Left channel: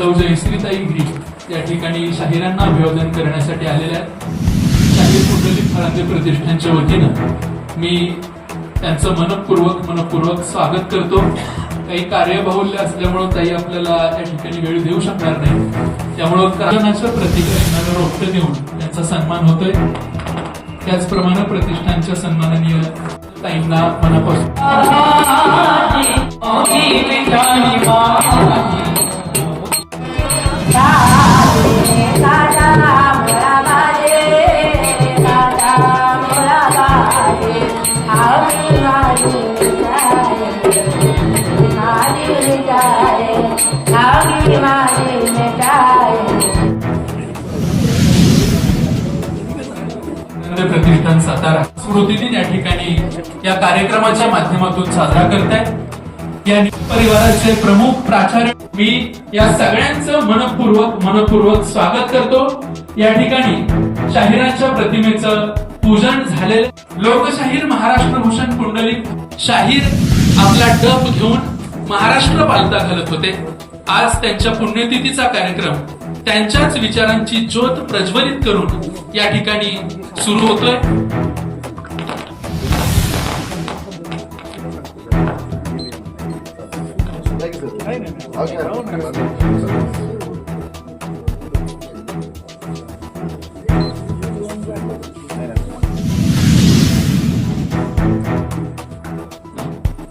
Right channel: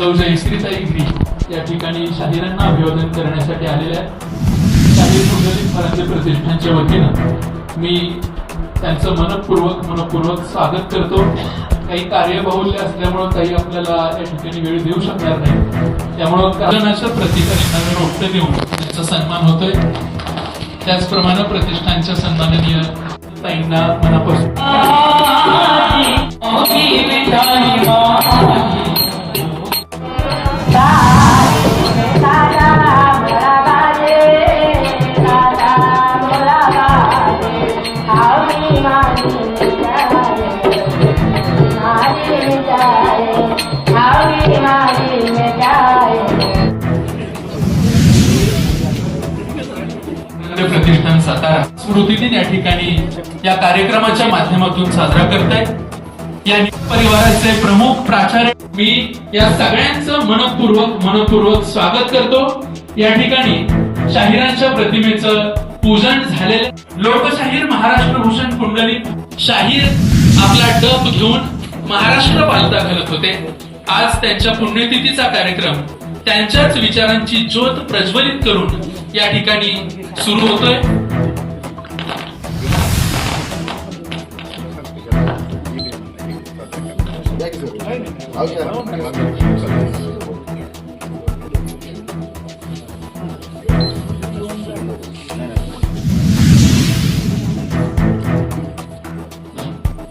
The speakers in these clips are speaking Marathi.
सौ जयश्रीताई गिरी या ठिकाणी शाहिरांना अभिवादन करण्यासाठी आलेल्या आहेत. शाहीर कुंडलिक फरांदे प्रतिष्ठानच्या वतीनं मी त्यांचं मनपूर्वक स्वागत करतो. काही कार्यबाहुल्य असल्यामुळे ताई आपल्याला या ठिकाणी वेळ देऊ शकणार नाही, त्यामुळं कारणाचं प्रतिकारांना रोटं देऊन त्यांचा सन्मान होतोय. त्याचप्रमाणे प्रतिष्ठानच्या सन्माननीय ताईंना मनापासून प्रतिष्ठान सातारा स्मृती दिन या ठिकाणी या कार्यक्रमाच्या माध्यमातून साजरा करतायत. या परिवाराचे प्रमुख प्राचार्य मी या सगळ्यांचं मनपूर्वक स्वागत करतो. या ठिकाणी शाहिरांच्या प्रतिमेचं पूजन झालेले लोकशाहीर महाराष्ट्र भूषण कुंडलिक शाहीर आपला डप घेऊन महाराष्ट्र पालथा घालत होते. आज त्यांच्या पुण्यतिथीचा कार्यक्रम त्यांच्याच विचारांची ज्योत प्रज्वलित करून या ठिकाणी सुरू होतोय.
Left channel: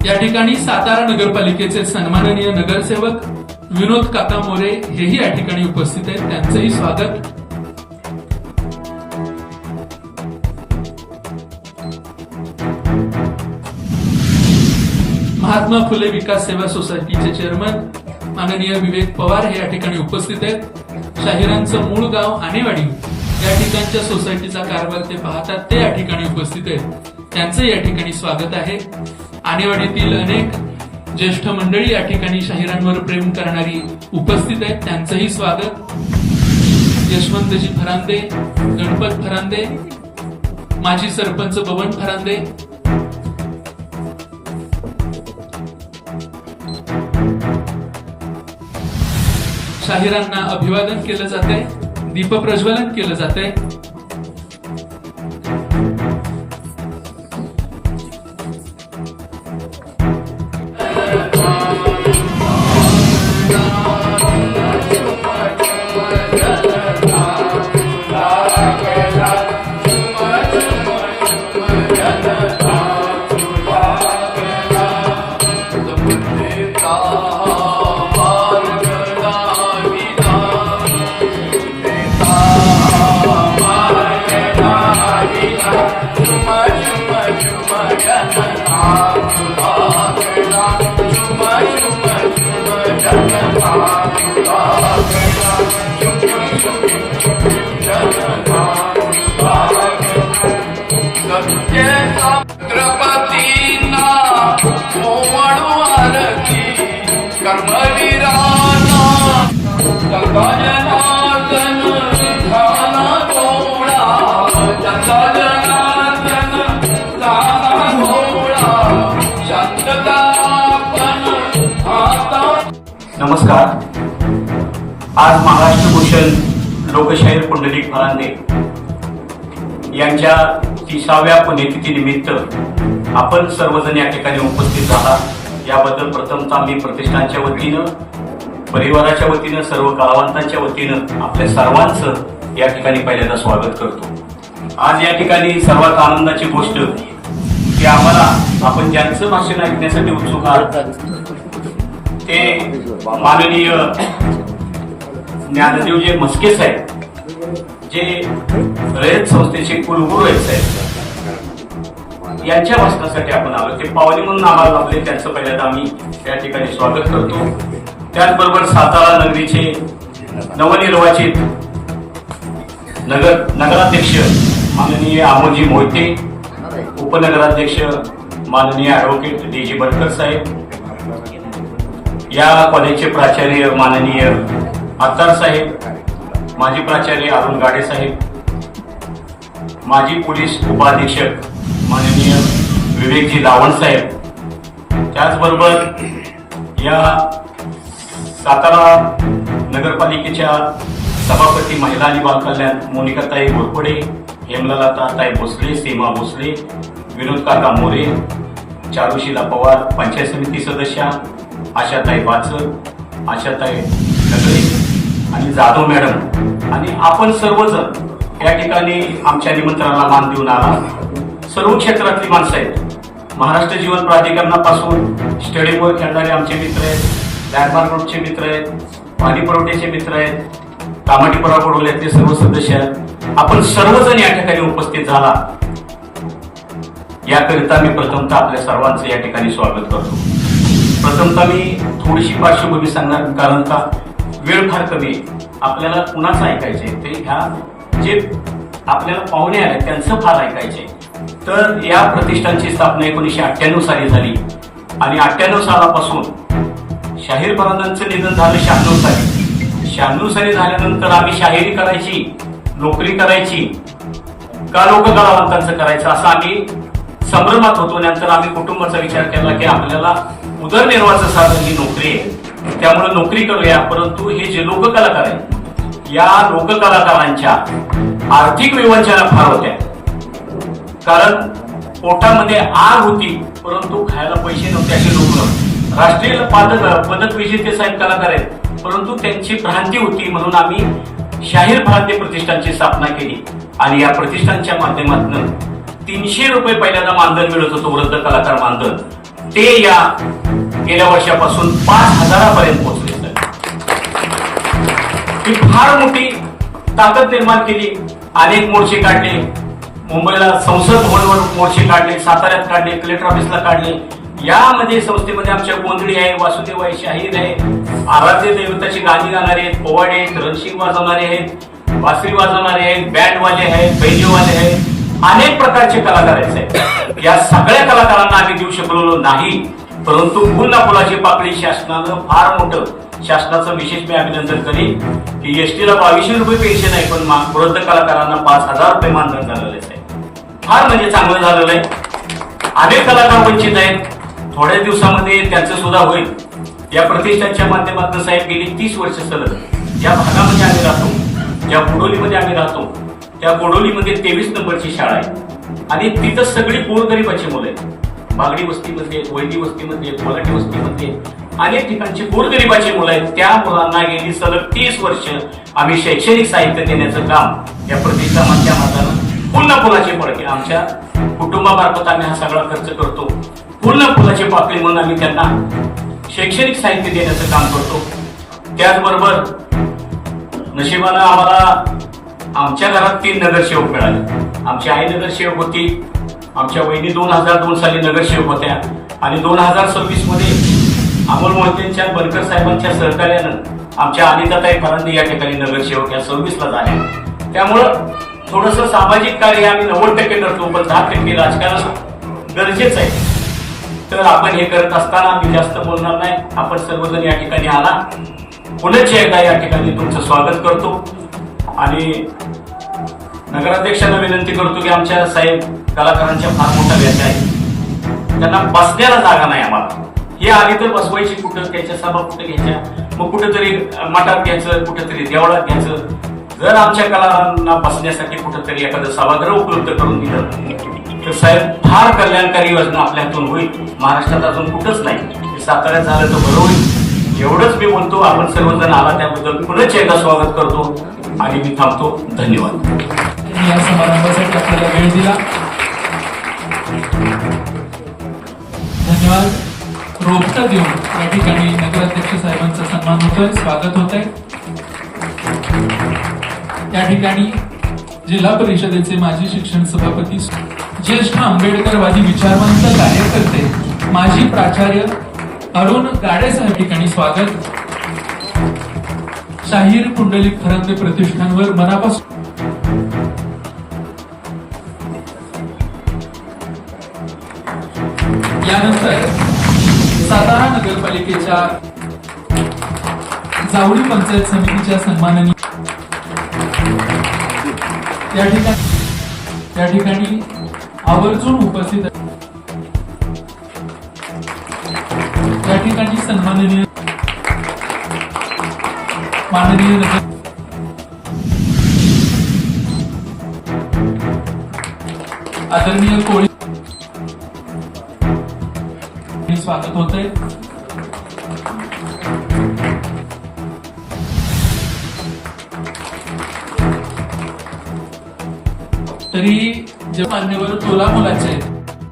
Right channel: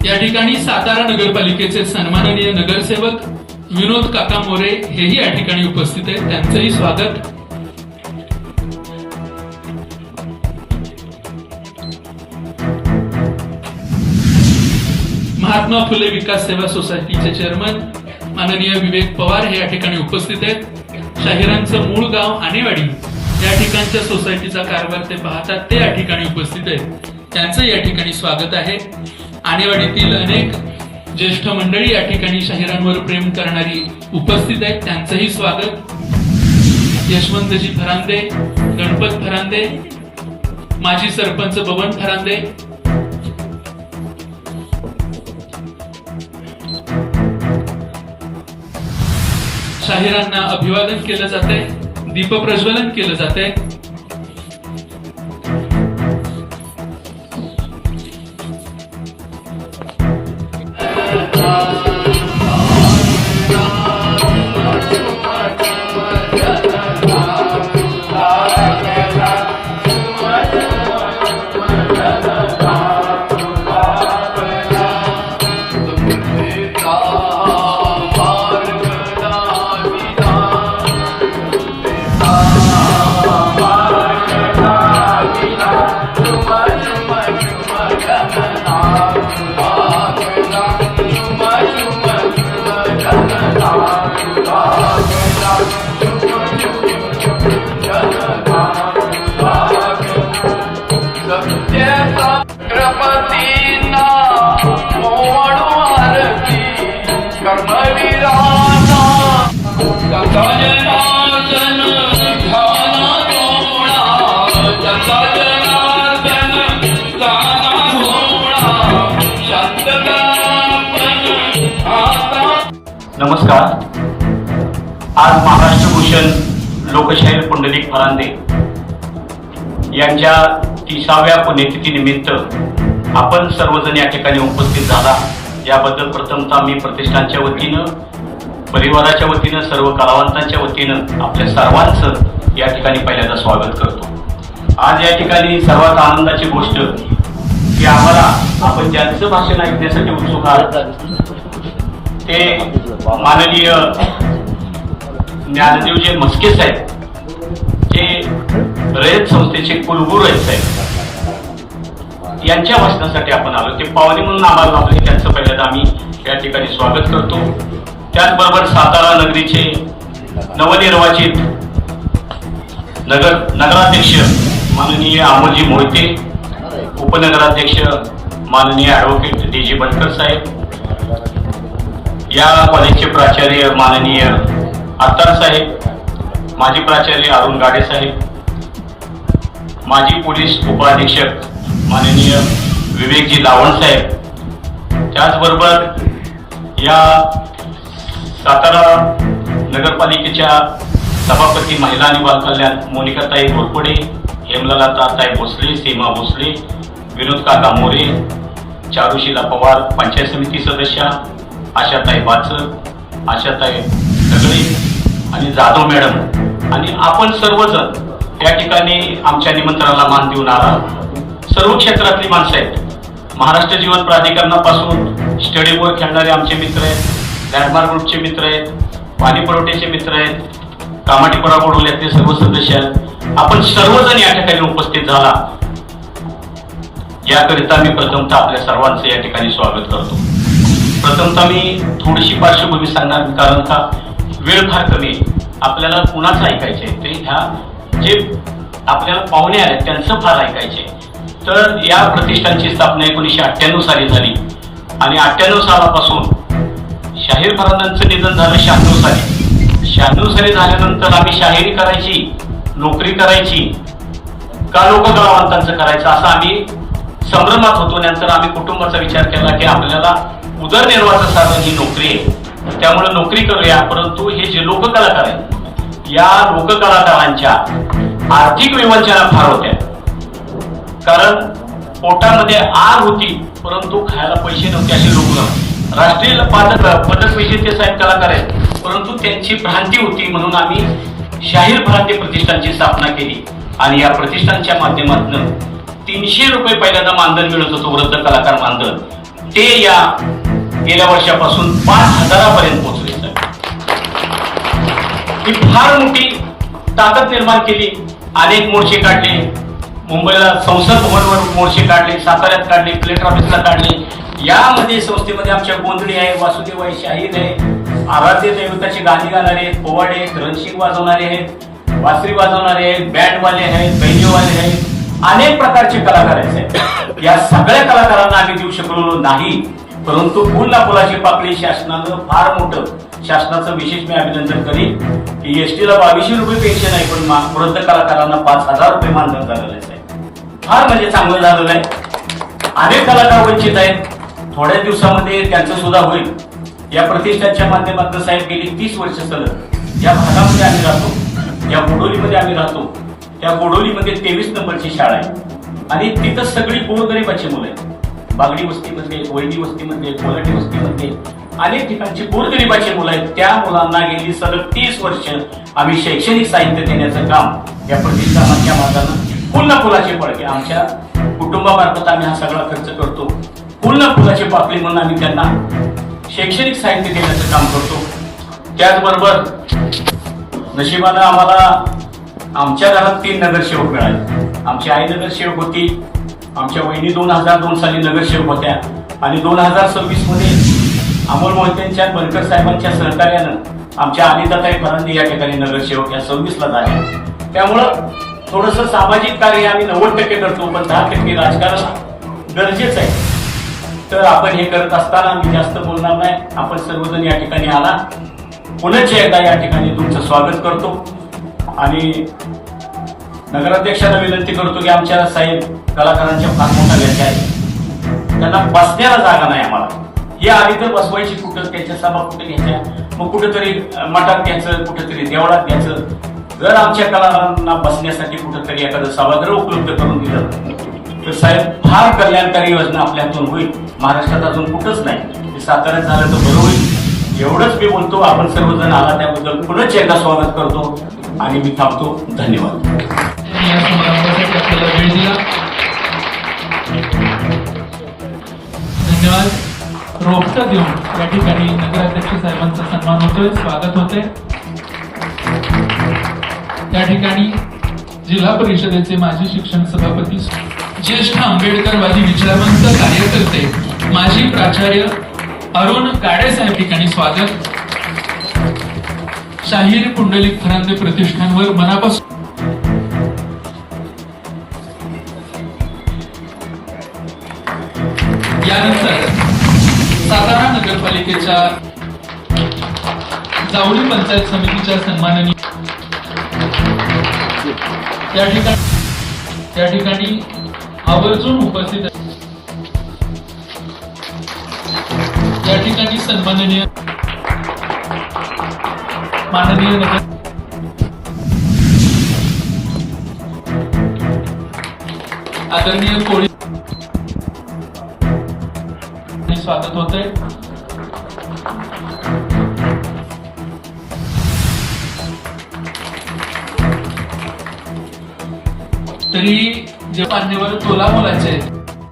या ठिकाणी सातारा नगरपालिकेचे सन्माननीय नगरसेवक विनोद काका मोरे हेही या ठिकाणी उपस्थित आहेत. त्यांचंही स्वागत. महात्मा फुले विकास सेवा सोसायटीचे चेअरमन माननीय विवेक पवार हे या ठिकाणी उपस्थित आहेत. शाहिरांचं मूळ गाव आणेवाडी या ठिकाणच्या सोसायटीचा कारभार ते पाहतात, ते या ठिकाणी उपस्थित आहेत. त्यांचं या ठिकाणी स्वागत आहे. आणेवाडीतील अनेक ज्येष्ठ मंडळी या ठिकाणी शाहिरांवर प्रेम करणारी उपस्थित आहेत, त्यांचंही स्वागत. यशवंतजी फरांदे, गणपत फरांदे, माजी सरपंच बबन फरांदे, शाहिरांना अभिवादन केलं जातंय, दीपप्रज्वलन केलं जातंय. नमस्कार. आज महाराष्ट्र भूषण लोकशाहीर कुंडलिक फरांदे यांच्या 30व्या पुण्यतिथी निमित्त आपण सर्वजण या ठिकाणी उपस्थित झाला, याबद्दल प्रथमतः मी प्रतिष्ठानच्या वतीनं, परिवाराच्या वतीनं, सर्व कलावंतांच्या वतीनं आपल्या सर्वांचं या ठिकाणी पहिल्यांदा स्वागत करतो. आज या ठिकाणी सर्वात आनंदाची गोष्ट की आपण ज्यांचं भाषण ऐकण्यासाठी उत्सुक आहात ते माननीय ज्ञानदेवजी म्हस्के साहेब, जे रयत संस्थेचे कुलगुरू आहेत साहेब, यांच्या भाषणासाठी आपण आलो. ते पावली म्हणून आम्हाला लाभले, त्यांचं पहिल्यांदा आम्ही या ठिकाणी स्वागत करतो. त्याचबरोबर सातारा नगरीचे नवनिर्वाचित नगराध्यक्ष माननीय अमोलजी मोहिते, उपनगराध्यक्ष माननीय ॲडव्होकेट डी जी बनकर साहेब, या कॉलेजचे प्राचार्य माननीय आत्तार साहेब, माजी प्राचार्य अरुण गाडे साहेब, माजी पोलीस उपाधीक्षक माननीय विवेकजी लावण साहेब, त्याचबरोबर या सातारा नगरपालिकेच्या सभापती महिला आणि बालकल्याण मोनिकाताई घोरपडे, हेमलताताई भोसले, सीमा भोसले, विनोद काका मोरे, चारुशीला पवार, पंचायत समिती सदस्या आशाताई बाचर, आशाताई सगळे आणि जाधव मॅडम आणि आपण सर्वजण या ठिकाणी आमच्या निमंत्रणाला मान देऊन आला. सर्व क्षेत्रातली माणसं आहेत. महाराष्ट्र जीवन प्राधिकरणापासून स्टेडियमवर खेळणारे आमचे मित्र आहेत, लँडमार्क ग्रुपचे मित्र आहेत, पाणी पुरवठ्याचे मित्र आहेत, कामाटीपुरा बोडवल्यातले सर्व सदस्य आहेत. आपण सर्वजण या ठिकाणी उपस्थित झाला याकरिता मी प्रथमतः आपल्या सर्वांचं या ठिकाणी स्वागत करतो. प्रथमतः मी थोडीशी पार्श्वभूमी सांगणार, कारण का वेळ फार कमी. आपल्याला कुणाचं ऐकायचंय ते ह्या जे आपल्याला पाहुणे आले त्यांचं फार ऐकायचंय. तर या प्रतिष्ठानची स्थापना 1998 साली झाली आणि 98 सालापासून शाहीर फरांदांचं निधन झालं 96 साली. 96 साली झाल्यानंतर आम्ही शाहिरी करायची, नोकरी करायची का लोककलावंतांचं करायचं असं आम्ही संभ्रमात होतो. नंतर आम्ही कुटुंबाचा विचार केला की आपल्याला उदरनिर्वाहाचं साधन ही नोकरी आहे, त्यामुळे नोकरी करूया. परंतु हे जे लोककलाकार आहेत या लोककलाकारांच्या आर्थिक विवंचना फार होत्या, कारण पोटामध्ये आग होती परंतु खायला पैसे नव्हते. असे लोक राष्ट्रीय पदक विजेते साहेब कलाकार आहेत, परंतु त्यांची भ्रांती होती. म्हणून आम्ही शाहीर भ्रांती प्रतिष्ठानची स्थापना केली आणि या प्रतिष्ठानच्या माध्यमातून 300 रुपये पहिल्यांदा मानधन मिळत होतं, वृद्ध कलाकार मानधन. ते या गेल्या वर्षापासून 5,000 पर्यंत पोहोचले. ही फार मोठी ताकद निर्माण केली. अनेक मोर्चे काढले, मुंबईला संसद भवनवर मोर्चे काढले, साताऱ्यात काढले, कलेक्टर ऑफिसला काढले. यामध्ये संस्थेमध्ये आमच्या गोंधळी आहे, वासुदेव आहे, शाहीर आहे, आराध्य दैवताची गाणी गाणारे आहेत, पोवाडे आहेत, रणशिंग वाजवणारे आहेत, बासरी वाजवणारे आहेत, बँडवाले आहेत, बेंजोवाले आहेत, अनेक प्रकारचे कलाकार आहेत. या सगळ्या कलाकारांना आम्ही देऊ शकलो नाही, परंतु फुल ना फुलाची पाकळी शासनानं फार मोठं, शासनाचं विशेष मी अभिनंदन करीन की एसटीला 2200 रुपये पेन्शन आहे, पण वृद्ध कलाकारांना 5,000 रुपये मानधन झालेलं आहे. फार म्हणजे चांगलं झालेलं आहे. अनेक कलाकार वंचित आहेत. थोड्या दिवसामध्ये त्यांचं सुद्धा होईल. या प्रतिष्ठानच्या माध्यमातून साहेब गेली 30 वर्ष सलग या भागामध्ये आम्ही राहतो, या बोडोलीमध्ये आम्ही राहतो. त्या बोडोलीमध्ये 23 नंबरची शाळा आहे आणि तिथं सगळी गोरगरिबाची मुलं आहेत. बागडी वस्तीमध्ये, वैदी वस्तीमध्ये, कोलाटी वस्तीमध्ये अनेक ठिकाणची गोरगरिबाची मुलं आहेत. त्या मुलांना गेली सलग 30 वर्ष आम्ही शैक्षणिक साहित्य देण्याचं काम या प्रतिष्ठानाच्या माध्यमातून पुन्हा फुलाची फळके आमच्या कुटुंबामार्फत आम्ही हा सगळा खर्च करतो. पुन्हा फुलाची पाकळी म्हणून आम्ही त्यांना शैक्षणिक साहित्य देण्याचं काम करतो. त्याचबरोबर नशिबानं आम्हाला आमच्या घरात 3 नगरसेवक मिळाले. आमची आई नगरसेवक होती, आमच्या वहिनी 2002 साली नगरसेवक होत्या आणि 2026 मध्ये अमोल मोहितेंच्या बनकर साहेबांच्या सहकार्यानं आमच्या अनिताताई फरांदे या ठिकाणी नगरसेवक या 26 ला झाल्या. त्यामुळं थोडंसं सामाजिक कार्य आम्ही 90% करतो, पण 10% राजकारण गरजेचं आहे. तर आपण हे करत असताना आम्ही जास्त बोलणार नाही. आपण सर्वजण या ठिकाणी आला, पुनश्च एकदा या ठिकाणी तुमचं स्वागत करतो आणि नगराध्यक्षांना विनंती करतो की आमच्या साहेब कलाकारांच्या फार मोठ्या व्याख्या आहेत, त्यांना बसण्याला जागा नाही. आम्हाला हे आली तर बसवायची, कुठं घ्यायच्या सभा कुठे घ्यायच्या, मग कुठेतरी मठात घ्यायचं, कुठेतरी देवळात घ्यायचं. जर आमच्या कलाकारांना बसण्यासाठी कुठेतरी एखादं सभागृह उपलब्ध करून दिलं तर साहेब फार कल्याणकारी योजना आपल्या हातून होईल. महाराष्ट्रात अजून कुठंच नाही, साताऱ्यात झालं तर बरं होईल. एवढंच मी बोलतो. आपण सर्वजण आला त्याबद्दल पुनश्च एकदा स्वागत करतो आणि मी थांबतो. धन्यवाद. या समारंभासाठी आपल्याला वेळ दिला, धन्यवाद. रोपटं देऊन या ठिकाणी नगराध्यक्ष साहेबांचा सन्मान होतोय, स्वागत होतंय. या ठिकाणी जिल्हा परिषदेचे माजी शिक्षण सभापती, ज्येष्ठ आंबेडकरवादी विचारवंत कार्यकर्ते, माजी प्राचार्य अरुण गाडे साहेब ठिकाणी स्वागत. शाहीर पुंडलिक फरांदे प्रतिष्ठानवर मनापासून यानंतर सातारा नगरपालिकेच्या जावळी पंचायत समितीच्या सन्माननीय या ठिकाणी आवर्जून उपस्थित या ठिकाणी सन्माननीय माननीय नगर आदरणीय कोळी स्वागत होते. तरी जे मान्यवर तोला मुलाचे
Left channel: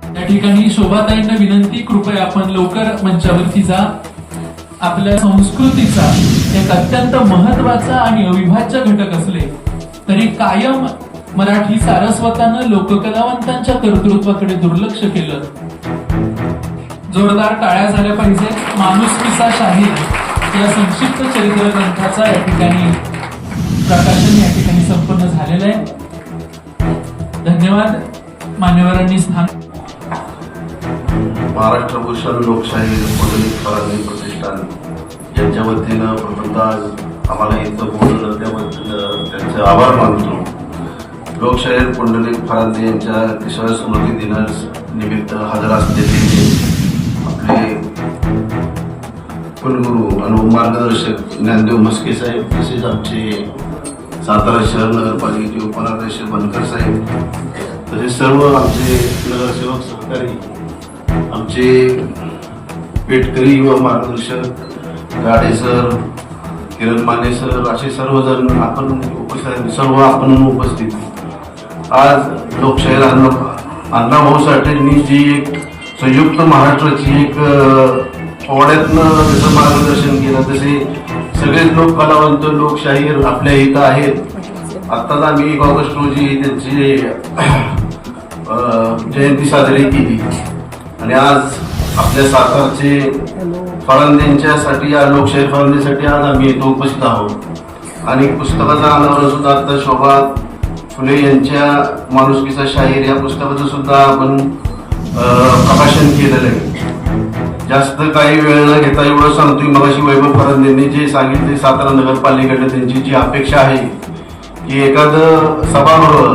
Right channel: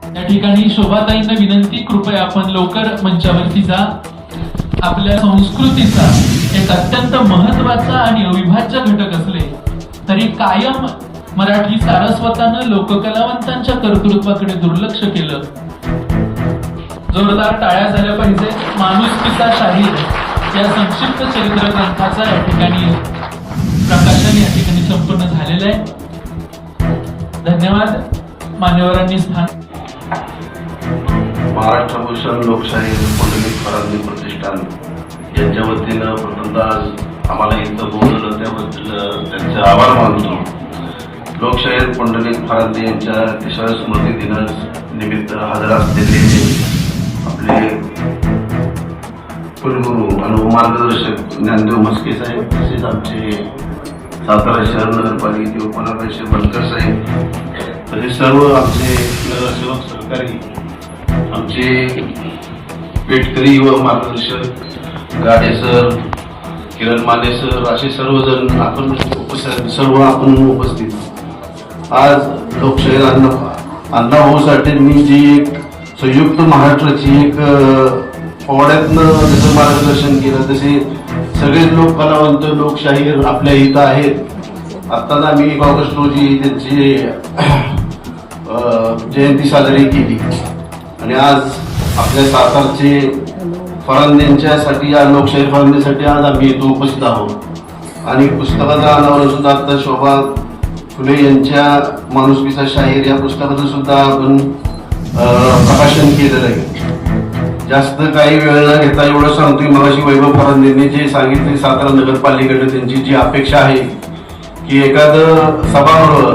त्या ठिकाणी शोभाताईंना विनंती, कृपया आपण लवकर मंचावरती जा. आपल्या संस्कृतीचा एक अत्यंत महत्वाचा आणि अविभाज्य घटक असले तरी कायम मराठी सारस्वतानं लोककलावंतांच्या कर्तृत्वाकडे दुर्लक्ष केलं. जोरदार टाळ्या झाल्या पाहिजे. माणुसकीचा शाहीर या संक्षिप्त चरित्र ग्रंथाचा या ठिकाणी प्रकाशन या ठिकाणी संपन्न झालेलं आहे. धन्यवाद. मान्यवरांनी स्थान. महाराष्ट्र भूषण लोकशाही मंडलिक फरांदी प्रतिष्ठान यांच्या वतीनं प्रथमतः आज आम्हाला इथं बोलवलं त्याबद्दल त्यांचे आभार मानतो. लोकशाहीर पुंडलिक फरांदे यांच्या 30व्या स्मृती दिनानिमित्त हजर असलेले आपले कुलगुरू आणि मार्गदर्शक ज्ञानदेव म्हस्के साहेब, तसेच आमचे सातारा शहर नगरपालिकेचे उपनगराध्यक्ष बनकर साहेब, तसेच सर्व आमचे नगरसेवक सहकारी, आमचे पेटकरी व मार्गदर्शक गाडे सर, किरण माने सर, असे सर्वजण आपण उपस्थित. आज लोकशाहीर अण्णाभाऊ साठेंनी जी एक संयुक्त महाराष्ट्राची एक पोवाड्यातनं जसं मार्गदर्शन केलं तसे सगळे लोक कलावंत लोकशाहीर आपल्या इथं आहेत. आत्ताच आम्ही 1 ऑगस्ट रोजी त्यांची जयंती साजरी केली आणि आज आपल्या सातारचे फरांदेंच्यासाठी या लोकशाहीर फरांदेसाठी आज आम्ही इथं उपस्थित आहोत. आणि पुस्तकाचा अनावरण सुद्धा आता शोभा फुले यांच्या माणुसकीचा शाहीर या पुस्तकाचं सुद्धा आपण प्रकाशन केलेलं आहे. जास्त काही वेळ न घेता एवढं सांगतोय, मगाशी वैभव फरांदेंनी जे सांगितले सातारा नगरपालिकेकडे त्यांची जी अपेक्षा आहे की एखादं सभागृह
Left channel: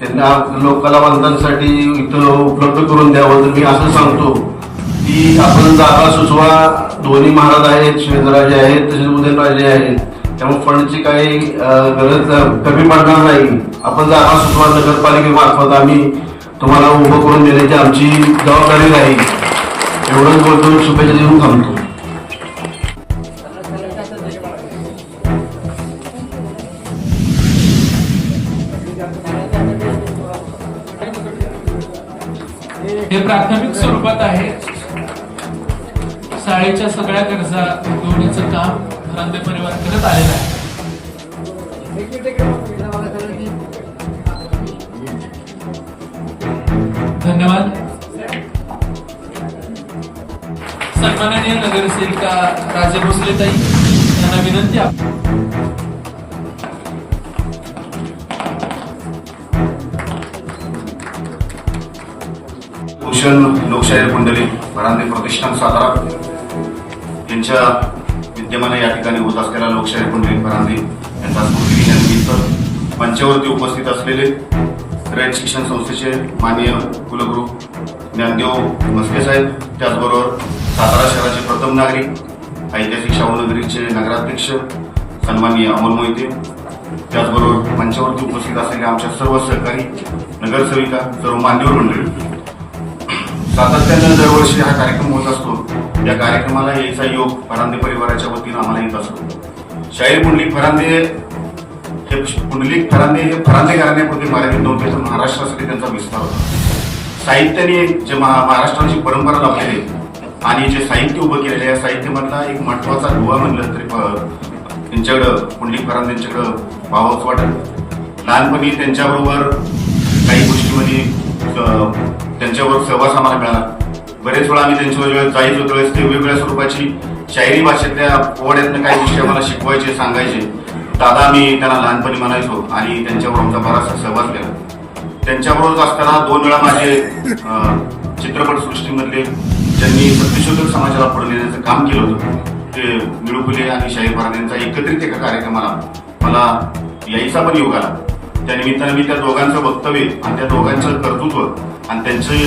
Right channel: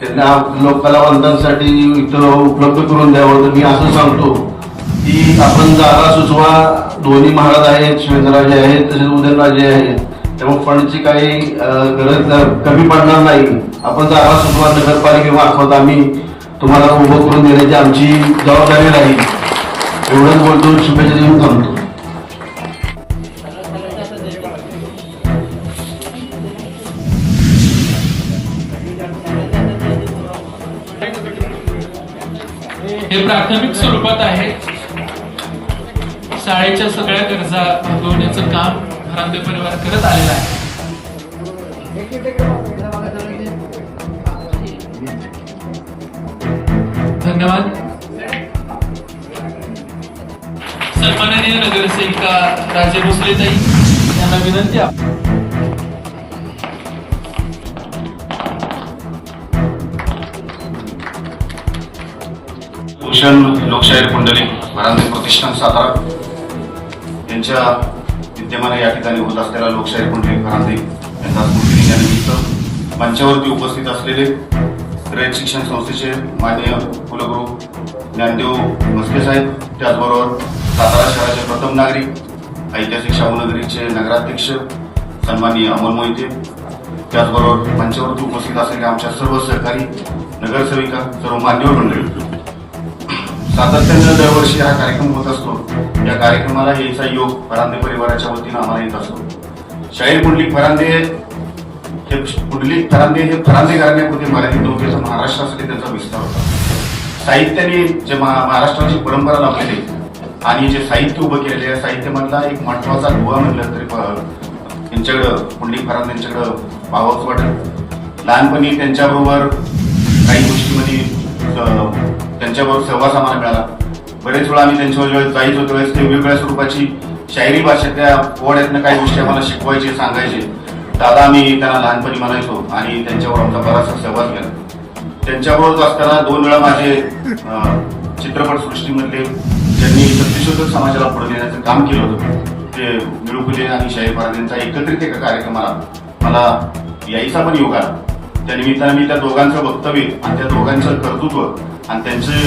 त्यांना लोककलावंतांसाठी इथं उपलब्ध करून द्यावं. तर मी असं सांगतो की आपण जागा सुचवा. दोन्ही महाराज आहेत, शिवेंद्रराजे आहेत, तसेच उदयनराजे आहेत, त्यामुळे फंडची काही गरज कमी पडणार नाही. आपण जागा सुचवा, नगरपालिकेमार्फत आम्ही तुम्हाला उभं करून देण्याची आमची जबाबदारी राहील. एवढंच बोलतो, शुभेच्छा देऊन थांबतो. हे प्राथमिक स्वरूपात आहे. शाळेच्या सगळ्या गरजा भागवण्याचं काम फरांदे परिवार करत आलेला आहे. धन्यवाद. सन्माननीय नगरसेविका राजे भोसलेताई यांना विनंती आहे. भूषण लोकशाहीर पुंडलिक फरांदे प्रतिष्ठान सातारा यांच्या विद्यमाने या ठिकाणी होत असलेल्या लोकशाहीर पुंडलिक फरांदे यांचा स्मृती दिनानिमित्त मंचावरती उपस्थित असलेले रयत शिक्षण संस्थेचे माननीय कुलगुरू ज्ञानदेव म्हस्के साहेब, त्याचबरोबर सातारा शहराचे प्रथम नागरिक, ऐतिहासिक शाहूनगरीचे नगराध्यक्ष सन्माननीय अमोल मोहिते, त्याचबरोबर मंचावरती उपस्थित असलेले आमच्या सर्व सहकारी, नगरसेविका, सर्व मान्यवर मंडळी. सातत्यानं दरवर्षी हा कार्यक्रम होत असतो. या कार्यक्रमाला यायचा योग फरांदे परिवाराच्या वतीनं आम्हाला येत असतो. शाहीर पुंडलिक फरांदे हे फरांदे घराण्यापुरते मर्यादित नव्हते, तर महाराष्ट्रासाठी त्यांचा विस्तार होता. साहित्याने जे महाराष्ट्राची परंपरा लाभलेली आणि जे साहित्य उभं केलेले आहे, साहित्यामधला एक महत्वाचा दुवा म्हणलं तरी त्यांच्याकडं पुंडलिक फरांदे यांच्याकडं पाहावंच वाटत. लहानपणी त्यांच्याबरोबर काही गोष्टीमध्ये त्यांच्यावर सहवास आम्हाला मिळाला. बरेच वेळा आम्ही त्यांच्यावर जायचो त्यावेळेस ते वेगवेगळ्या स्वरूपाची शायरी भाषेतल्या पोवाड्यातनं काही गोष्टी आम्हाला शिकवायचे, सांगायचे. दादा आम्ही त्यांना लहानपणी म्हणायचो आणि त्यांच्यावर आमचा बराचसा सहवास केला. त्यांच्याबरोबर असताना 2 वेळा माझे चित्रपटसृष्टीमधले ज्यांनी सत्यशोधक समाजाला पुढे नेण्याचं काम केलं होतं ते मिळू फुले आणि शाहीर फरांदेंचा एकत्रित एका कार्यक्रमाला मला यायचा पण योग आला. त्या निमित्तानं मी त्या दोघांचं वक्तव्य आणि त्या दोघांचं कर्तृत्व आणि त्यांची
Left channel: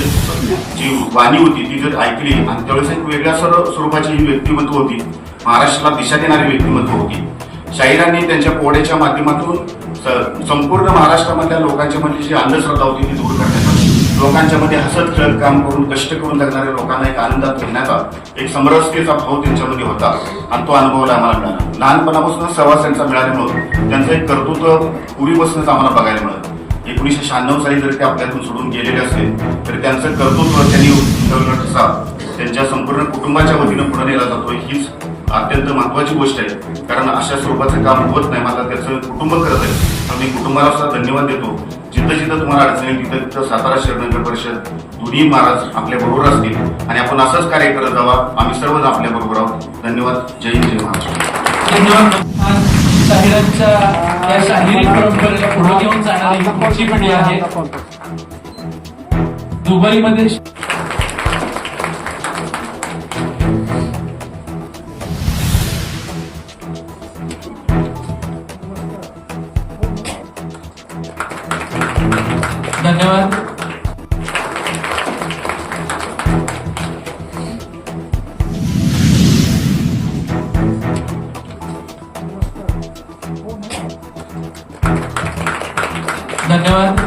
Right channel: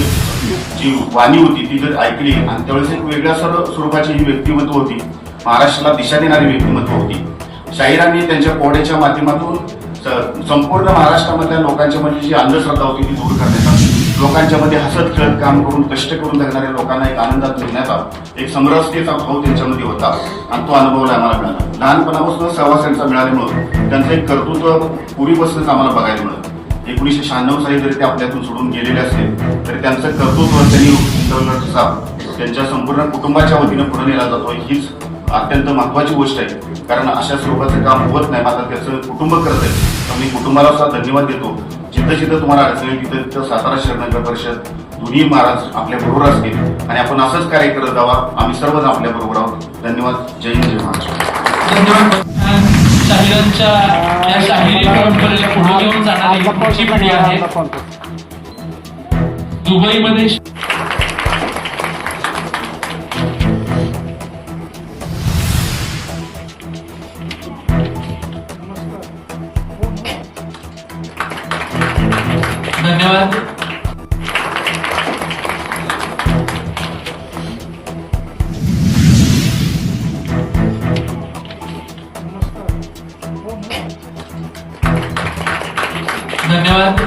जी वाणी होती ती जर ऐकली आणि त्यावेळेस एक वेगळ्या स्वरूपाची ही व्यक्तिमत्व होती, महाराष्ट्राला दिशा देणारी व्यक्तिमत्व होती. शाहिरांनी त्यांच्या पोड्याच्या माध्यमातून संपूर्ण महाराष्ट्रामधल्या लोकांच्या मध्ये जी अंधश्रद्धा होती ती दूर करण्यात आली. लोकांच्या मध्ये हसत खेळत काम करून कष्ट करून जगणाऱ्या लोकांना एक आनंदात जगण्याचा एक समरसतेचा भाव त्यांच्यामध्ये होता आणि तो अनुभवला आम्हाला मिळाला. लहानपणापासून सहवास त्यांचा मिळाल्यामुळं त्यांचं एक कर्तृत्व पूर्वीपासूनच आम्हाला बघायला मिळतं. 1996 साली जरी ते आपल्यातून सोडून गेलेले असतील तरी त्यांचं कर्तृत्व त्यांनी उंचवलं ठसा त्यांच्या संपूर्ण कुटुंबाच्या वतीनं पुढे नेला जातो. हीच अत्यंत महत्वाची गोष्ट आहे, कारण अशा स्वरूपाचं काम होत नाही. मात्र त्याचं कुटुंब करत आहे. मी कुटुंबाला सुद्धा धन्यवाद देतो. जिथं जिथं तुम्हाला अडचणी तिथं सातारा शहर नगर परिषद दोन्ही महाराज आपल्या बरोबर असतील आणि आपण असंच कार्य करत जावा. आम्ही सर्वजण आपल्या बरोबर आहोत. धन्यवाद. जय हिंद, जय महाराष्ट्र. धन्यवाद. शाहिरांच्या या शाहिरी परंपरेला पुढे घेऊन जाणारी पुढची पिढी आहे. दुबईमध्ये धन्यवाद. धन्यवाद.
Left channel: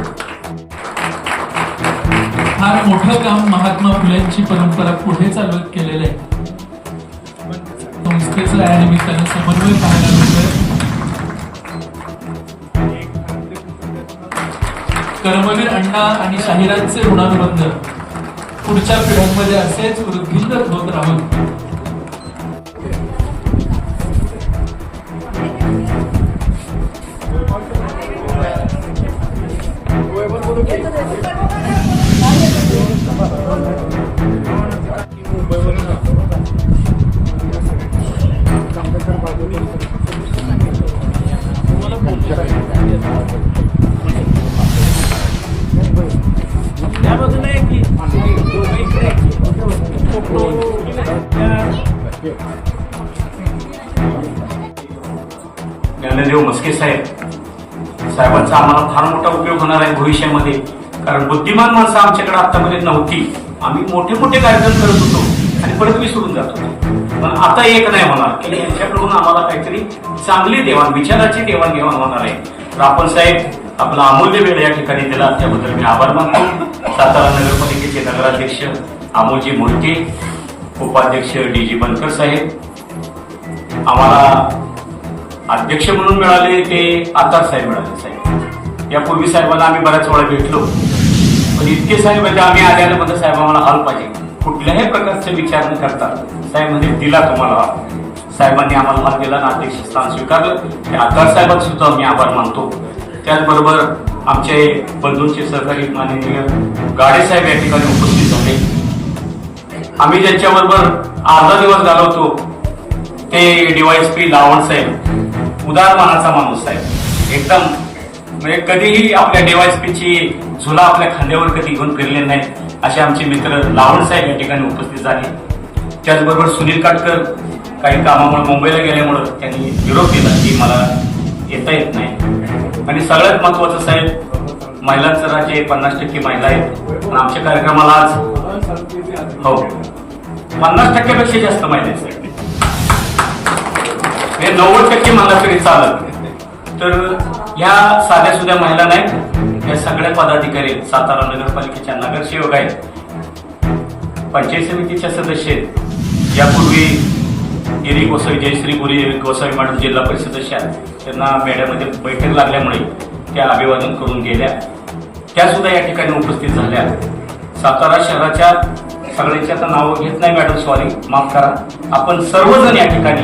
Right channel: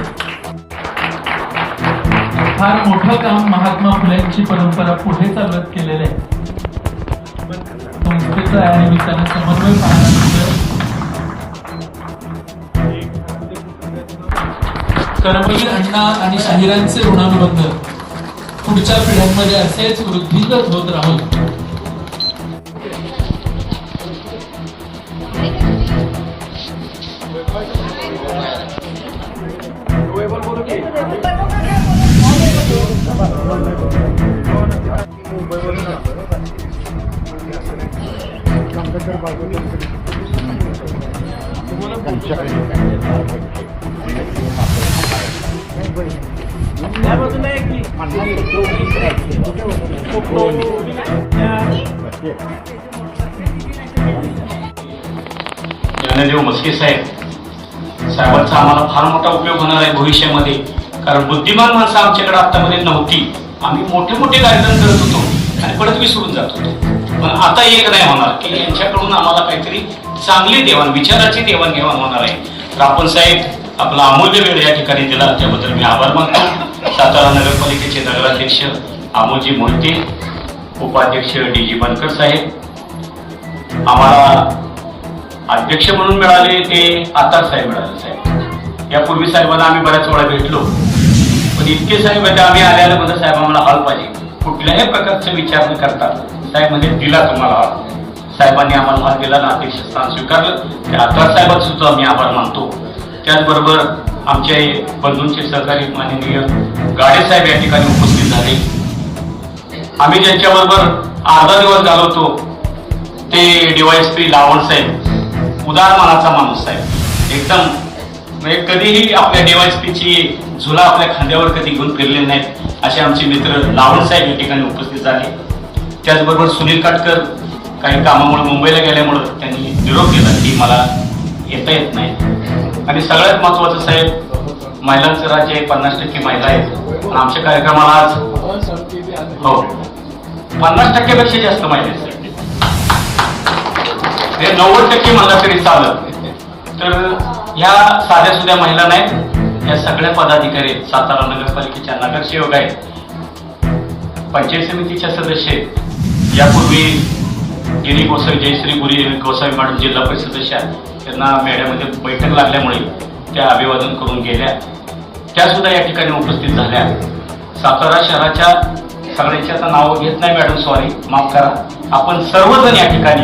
फार मोठं काम महात्मा फुलेंची परंपरा पुढे चालवत केलेलं आहे. संस्थेचा या निमित्ताने समन्वय पाहण्यात कर्मवीर अण्णा आणि शाहिरांचे ऋणानुबंध पुढच्या पिढ्यांमध्ये असेच वृद्धिंगत होत राहून ज्ञानदेव म्हस्के साहेबांचा आम्हाला फार मोठा उपयोग होणार आहे भविष्यामध्ये. कारण बुद्धिमान माणसं आमच्याकडे आतामध्ये नव्हती. आम्ही मोठे मोठे कार्यक्रम करत होतो आणि परत विसरून जात होतो. पण आता एक नाही होणार की यांच्याकडून आम्हाला काहीतरी चांगली विचाराची देवाणघेवाण होणार आहे. तर आपण साहेब आपला अमूल्य वेळ या ठिकाणी दिला त्याबद्दल मी आभार मानतो. सातारा नगरपालिकेचे नगराध्यक्ष अमोलजी मोहिते, उपाध्यक्ष डी.जी. बनकर साहेब, आम्हाला अध्यक्ष म्हणून मिळाले ते आतार साहेब मिळाले. साहेब यापूर्वी साहेबांना आम्ही बऱ्याच वेळा भेटलो, पण इतके साहेब आम्ही आल्याने म्हणजे साहेब आम्हाला हॉल पाहिजे कुठल्याही प्रकारचे विचार न करता साहेब म्हणजे दिला तुम्हाला. साहेबांनी आम्हाला हॉल दिला आणि अध्यक्ष स्थान स्वीकारलं. त्या आतार साहेबांचा सुद्धा आम्ही आभार मानतो. त्याचबरोबर आमचे बंधूंचे सहकारी माननीय गाडे साहेब या ठिकाणी उपस्थित झाले. आम्ही ज्यांच्याबरोबर अर्धा दिवस घालवतो ते DYSP लावण साहेब, उदार मनाचा माणूस साहेब. एकदम म्हणजे कधीही आपल्या DYSPची झुला आपल्या खांद्यावर कधी घेऊन फिरले नाहीत असे आमचे मित्र लावण साहेब या ठिकाणी उपस्थित झाले. त्याचबरोबर सुनील काटकर काही कामामुळे मुंबईला गेल्यामुळं त्यांनी निरोप दिला की मला येता येत नाही. आणि सगळ्यात महत्वाचं साहेब, महिलांचं राज्य 50% महिला आहेत. आमच्या कार्यक्रमाला आज 50%पेक्षा जास्त महिला आहेत. 90% मला तरी चालत. तर या साध्या सुध्या महिला नाहीत, या सगळ्या पदाधिकारी सातारा नगरपालिकेच्या नगरसेवक आहेत, पंचायत समितीच्या सदस्य आहेत. यापूर्वी गिरी गोसावी, जयश्री गुरी गोसावी मॅडम जिल्हा परिषद सदस्य त्यांना मेळ्यामध्ये बैठक लागल्यामुळे त्या अभिवादन करून गेल्या. त्या सुद्धा या ठिकाणी उपस्थित झाल्या. सातारा शहराच्या सगळ्यांची आता नावं घेत नाही मॅडम, सॉरी, माफ करा. आपण सर्वजण या ठिकाणी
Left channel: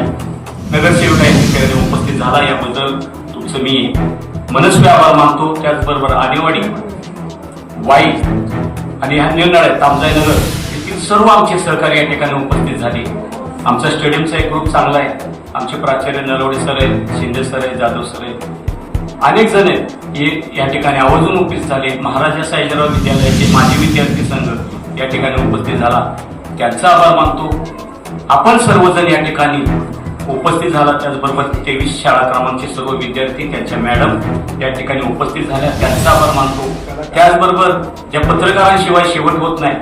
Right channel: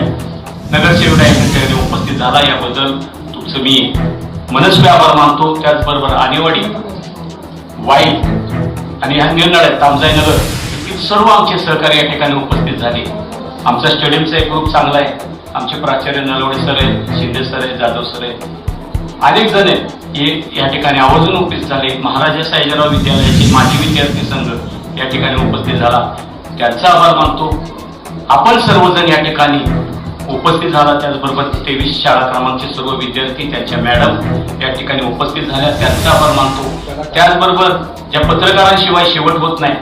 नगरसेवक या ठिकाणी उपस्थित झाला याबद्दल तुमचं मी मनस्वी आभार मानतो. त्याचबरोबर आणेवाडी, वाई आणि ह्या निर्णय तामजाई नगर येथील सर्व आमचे सहकारी या ठिकाणी उपस्थित झाले. आमचा स्टेडियमचा एक ग्रुप चांगला आहे. आमचे प्राचार्य नलवडे सर आहेत, शिंदे सर आहेत, जाधव सर आहेत, अनेक जण आहेत हे या ठिकाणी आवर्जून उपस्थित झाले. महाराजा साहेबराव विद्यालयाचे माजी विद्यार्थी संघ या ठिकाणी उपस्थित झाला, त्यांचा आभार मानतो. आपण सर्वजण या ठिकाणी उपस्थित झाला. त्याचबरोबर 23 शाळा क्रमांकचे सर्व विद्यार्थी, त्यांच्या मॅडम या ठिकाणी उपस्थित झाल्या, त्यांचा आभार मानतो. त्याचबरोबर ज्या पत्रकारांशिवाय शेवट होत नाही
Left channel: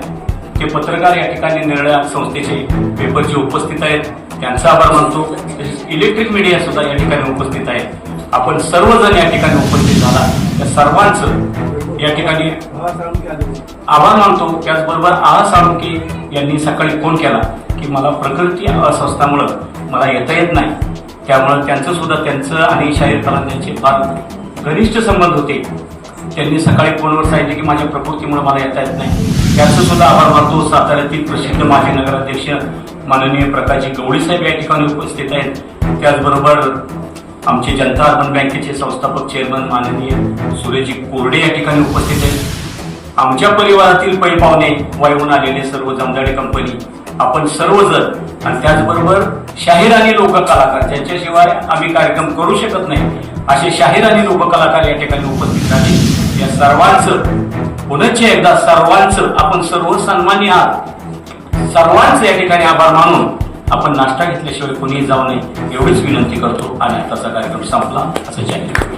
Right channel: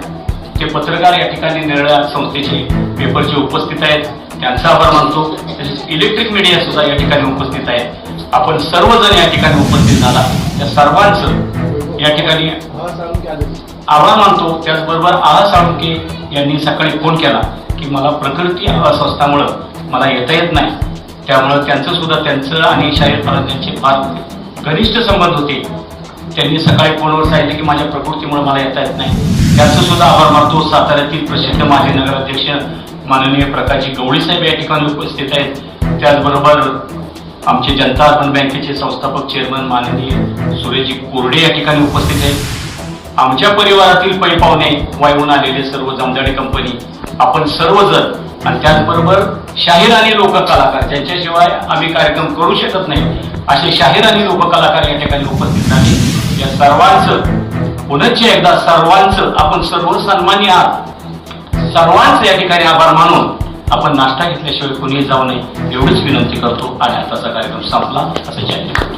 ते पत्रकार या ठिकाणी निर्णय संस्थेचे पेपरचे उपस्थित आहेत. त्यांचा आभार मानतो. तसेच इलेक्ट्रिक मीडिया सुद्धा या ठिकाणी उपस्थित आहे. आपण सर्वजण या ठिकाणी उपस्थित झाला त्या सर्वांचं या ठिकाणी आभार मानतो. त्याचबरोबर साळुंके यांनी सकाळी फोन केला की मला प्रकृती अस्वस्थामुळं मला येता येत नाही, त्यामुळं त्यांचं आणि शाहीर फरांदेंचे फार घनिष्ठ संबंध होते. त्यांनी सकाळी फोनवर सांगितले की माझ्या प्रकृतीमुळे मला येता येत नाही. त्याचं सुद्धा आभार मानतो. साताऱ्यातील प्रसिद्ध माजी नगराध्यक्ष माननीय प्रकाशजी गवळी साहेब या ठिकाणी उपस्थित आहेत. त्याचबरोबर आमचे जनता अर्बन बँकेचे संस्थापक चेअरमन माननीय सुरेशजी कोरडे या ठिकाणी उपस्थित आहेत. आमच्या परिवारातील पै पाहुणे वायून आलेले सर्व जमदाडे कंपनी, आपण सर्वजण, आणि त्याचबरोबर शाहीर आणि लोककलाकार ज्यांच्याशिवाय आम्ही कार्यक्रम करू शकत नाही असे शाहीर आणि लोककलाकार या ठिकाणी उपस्थित राहिले. या सर्वांचं पुनश्च एकदा सर्वांचं आपण सर्व सन्मानी आहात, सर्वांचं या ठिकाणी आभार मानून आपण नाश्ता घेतल्याशिवाय कोणीही जाऊ नये एवढीच विनंती करतो आणि आताचा कार्यक्रम संपला असं जाहीर करतो.